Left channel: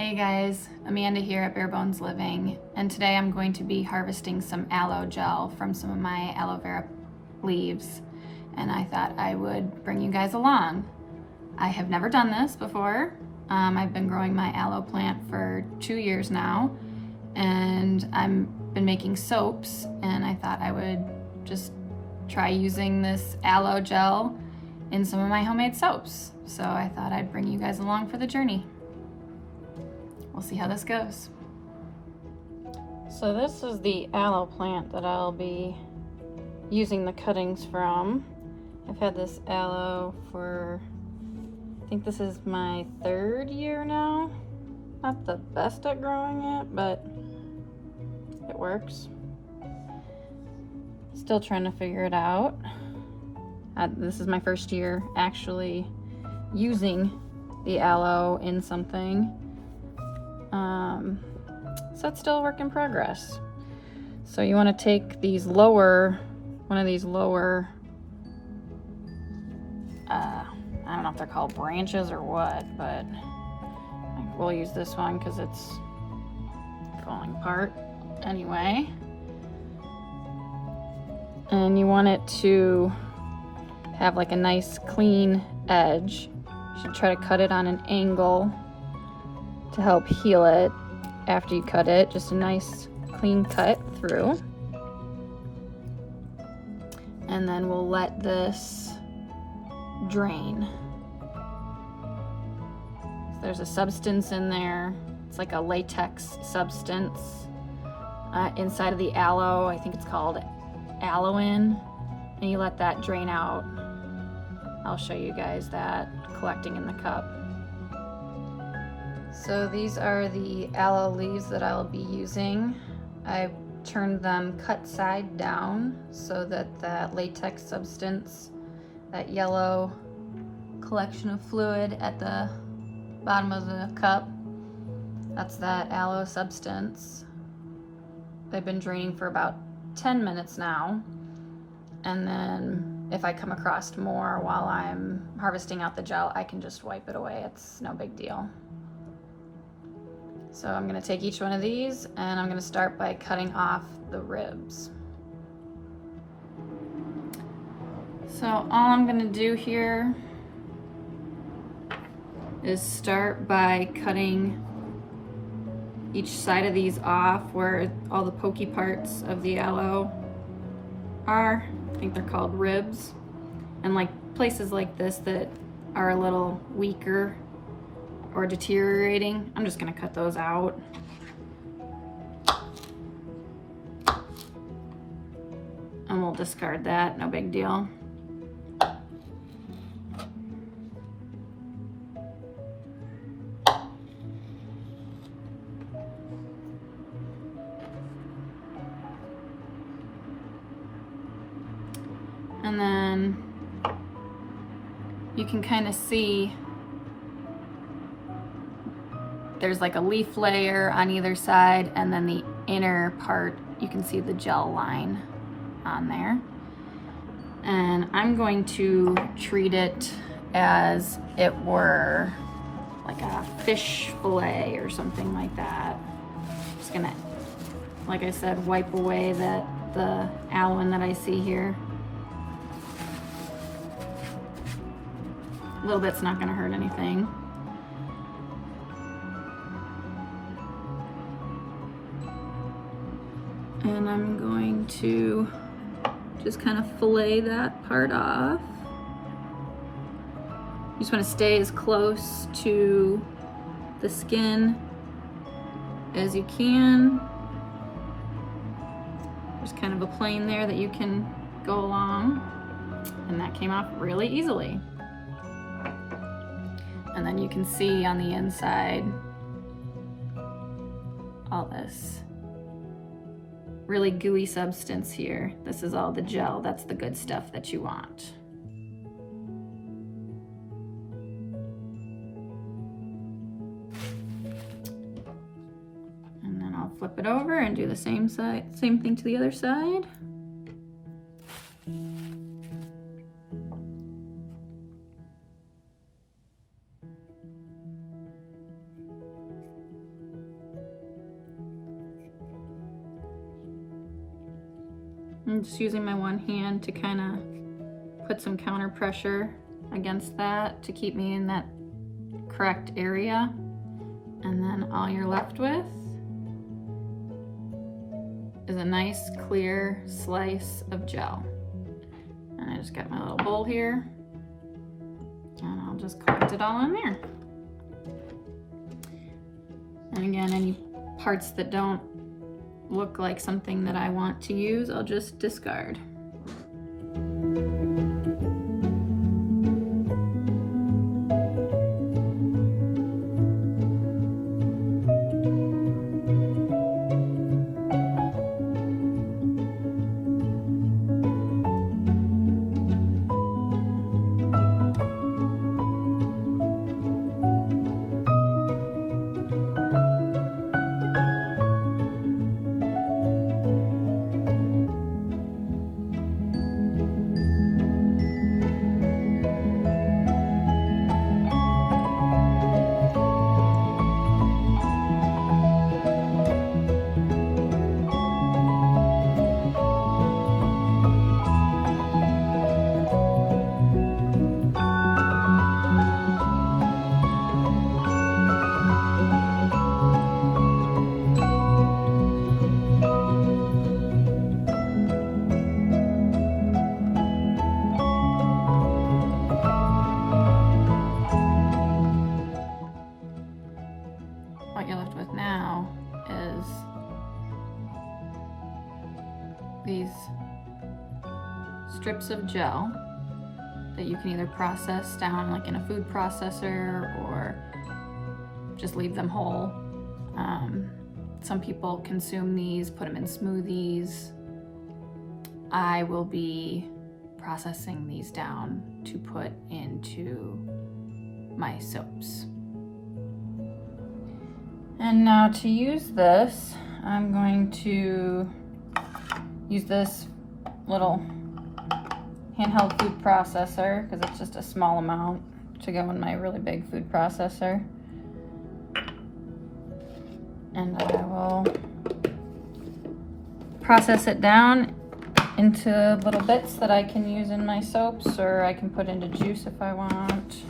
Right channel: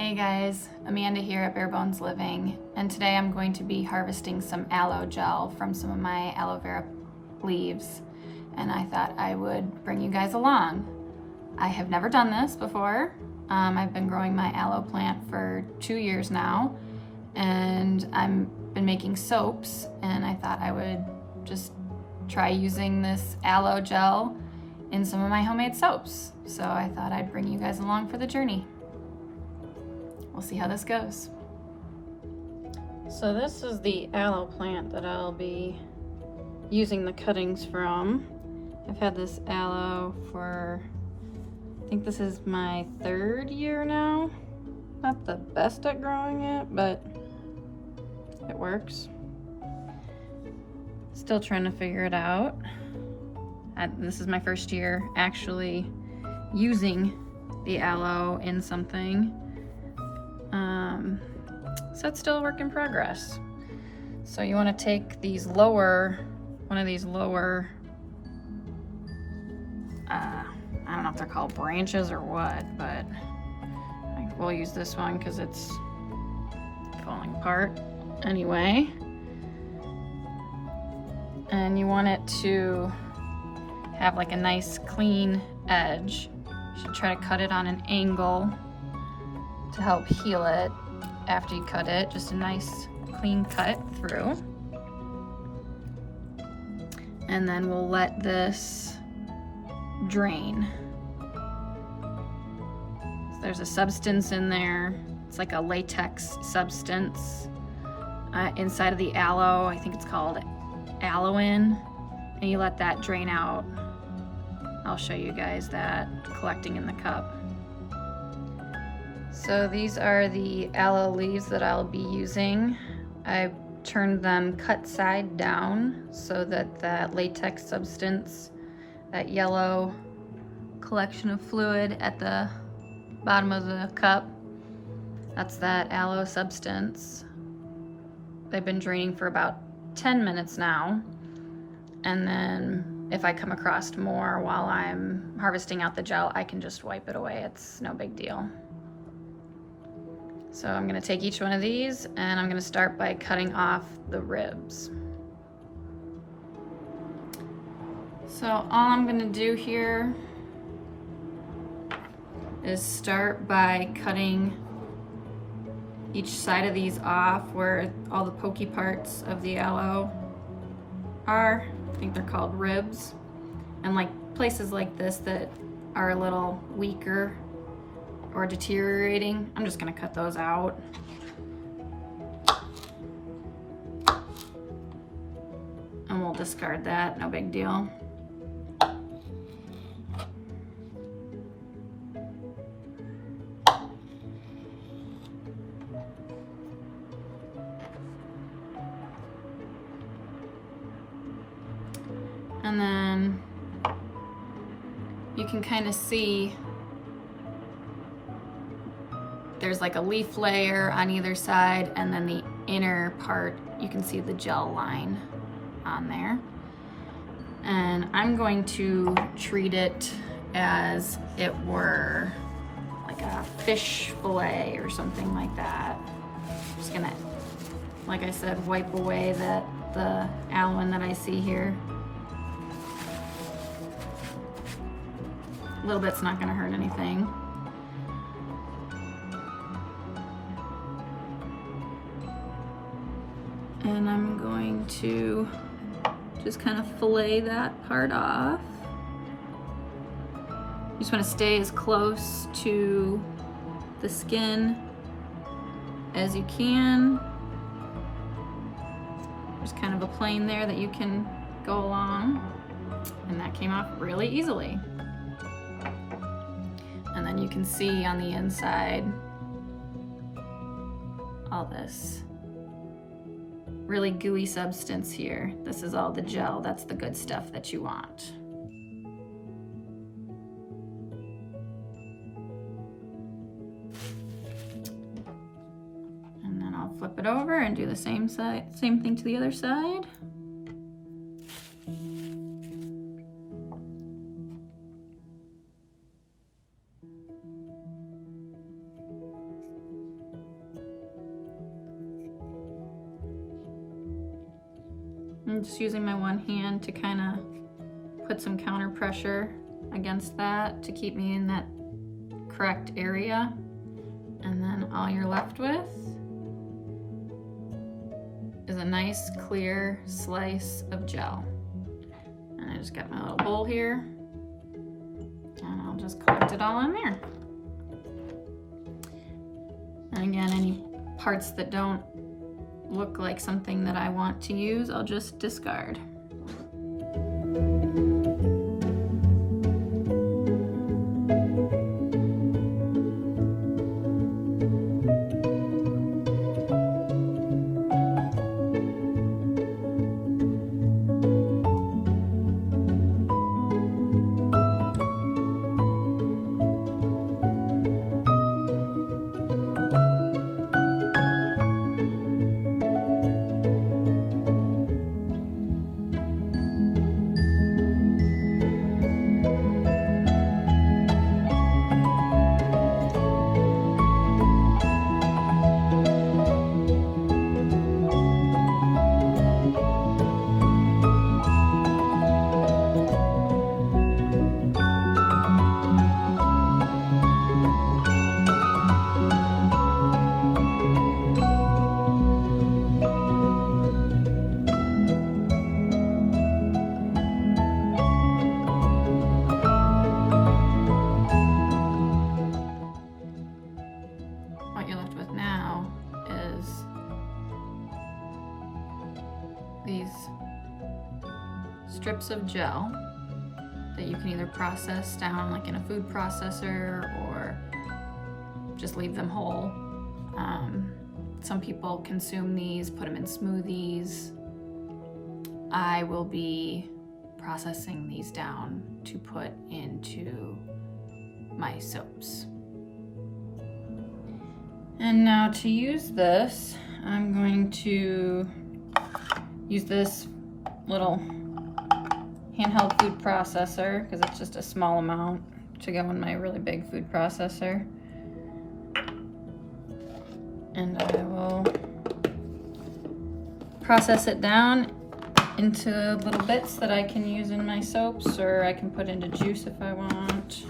Hey guys, Amanda here at Bare Bones Living, and today I'm going to be harvesting some aloe gel from some of my aloe vera leaves, and I thought I would bring you guys along. I have never done this before. I've been growing my aloe plant for 2 years now, and I've been making soaps, and I thought I would just try using this aloe gel in some of my homemade soaps. So I thought I'd bring you guys along for the journey. We'll see how this goes. So this is the aloe plant that I'll be using the cuttings from. I've had this aloe for, I think this is my 3rd year now. Not the best at growing it, but it works. Still trying to figure it out. This is my 1st year actually using the aloe in something. So it's still a work in progress. So you want to take these one of these lower, I don't know if they're called branches or what, but we'll use this one because it's falling apart anyway. And you want it to have like a nice clean edge. You should try to cut it on an angle to help heal it after you cut it. Just a nice clean cut through. And then we'll let this drain. So there's a substance in there. It's like a latex substance inside of the aloe. I think it's called aloe. And you let that drain out. I'll show you guys that collecting in the cup. So these are the aloe leaves that I'll be using. I've turned them cut side down so that that latex substance, that yellow collection of fluid at the bottom of the cup, that's that aloe substance. They've been draining for about 10 minutes now. And then if I come across more while I'm harvesting out the gel, I can just wipe it away. It's no big deal. So I'm gonna take each one of these and I'm gonna start by cutting off the ribs. So all I'm gonna do here is start by cutting each side of these off where all the pokey parts of the aloe are. I think they're called ribs. And like places like this that are a little weaker or deteriorating, I'm just gonna cut those out. And we'll discard that, no big deal. And then you can kind of see there's like a leaf layer on either side, and then the inner part, you can see the gel line on there. And I'm going to treat it as it were like a fish fillet or something like that. Just gonna, like I said, wipe away the aloe that I see here. A little bit's not gonna hurt anything. And I'm going to just kind of fillet that part off. You just want to stay as close to the skin as you can. There's kind of a plane there that you can go along, and that came off really easily. And then you can see on the inside all this really gooey substance here. This is all the gel. That's the good stuff that you want. And then I'll flip it over and do the same thing to the other side. I'm just using my one hand to kind of put some counter pressure against that to keep me in that correct area. And then all you're left with is a nice clear slice of gel. And I just got my little bowl here, and I'll just collect it all in there. And again, any parts that don't look like something that I want to use, I'll just discard. What you're left with now is these strips of gel that you can either process down like in a food processor or just leave them whole. Some people consume these, put them in smoothies. I will be processing these down to put into my soaps. And now to use this, I'm going to use this little handheld food processor because it's just a small amount to go in my really big food processor. And I will process it down into little bits that I can use in my soaps, or I can put into juice if I want.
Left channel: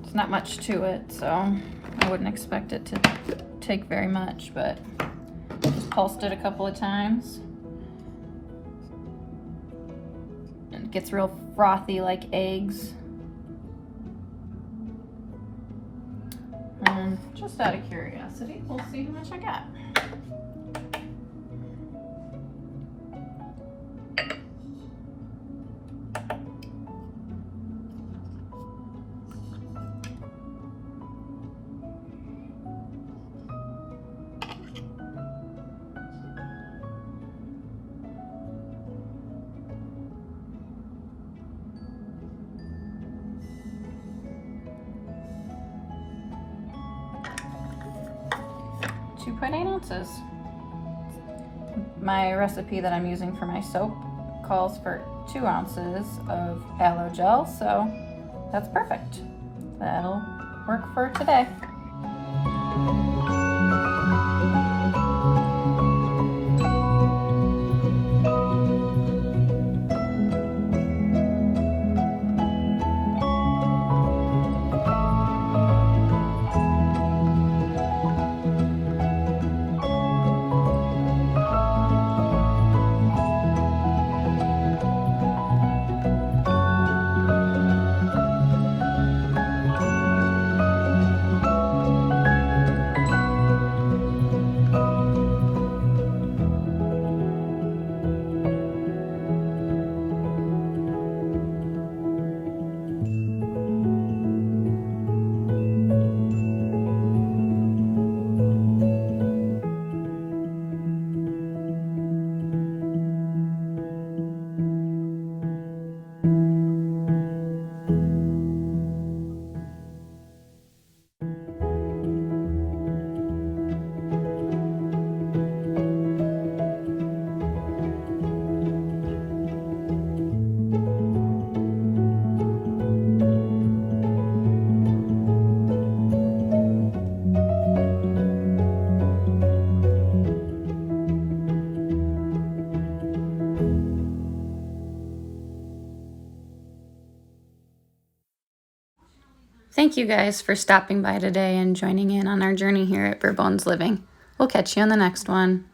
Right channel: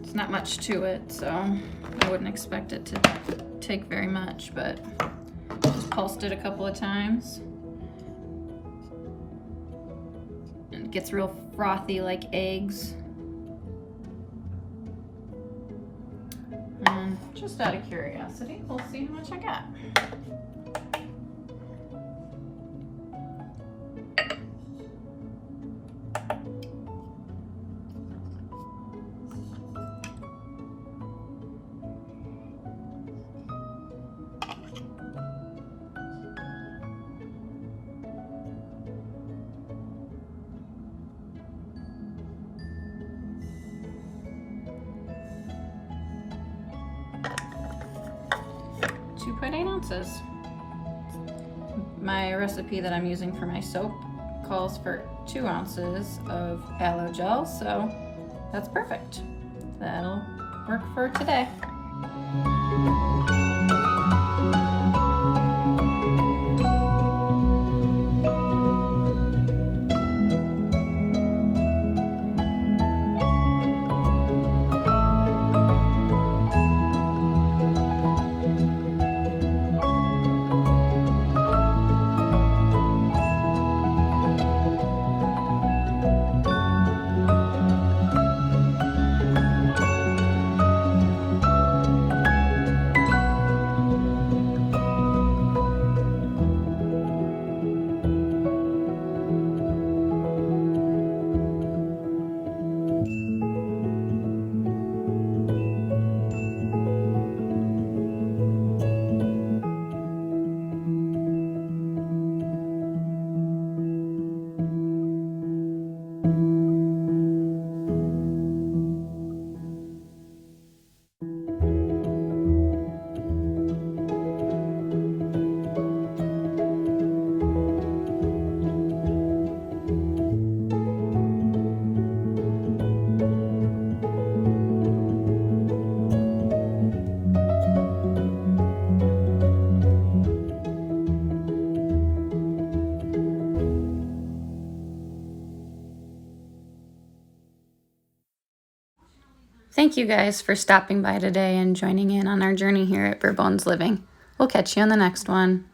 It's not much to it, so I wouldn't expect it to take very much, but just pulsed it a couple of times. And it gets real frothy like eggs. And just out of curiosity, we'll see how much I got. .8 ounces. My recipe that I'm using for my soap calls for 2 ounces of aloe gel, so that's perfect. That'll work for today. Thank you guys for stopping by today and joining in on our journey here at Bare Bones Living. We'll catch you on the next one.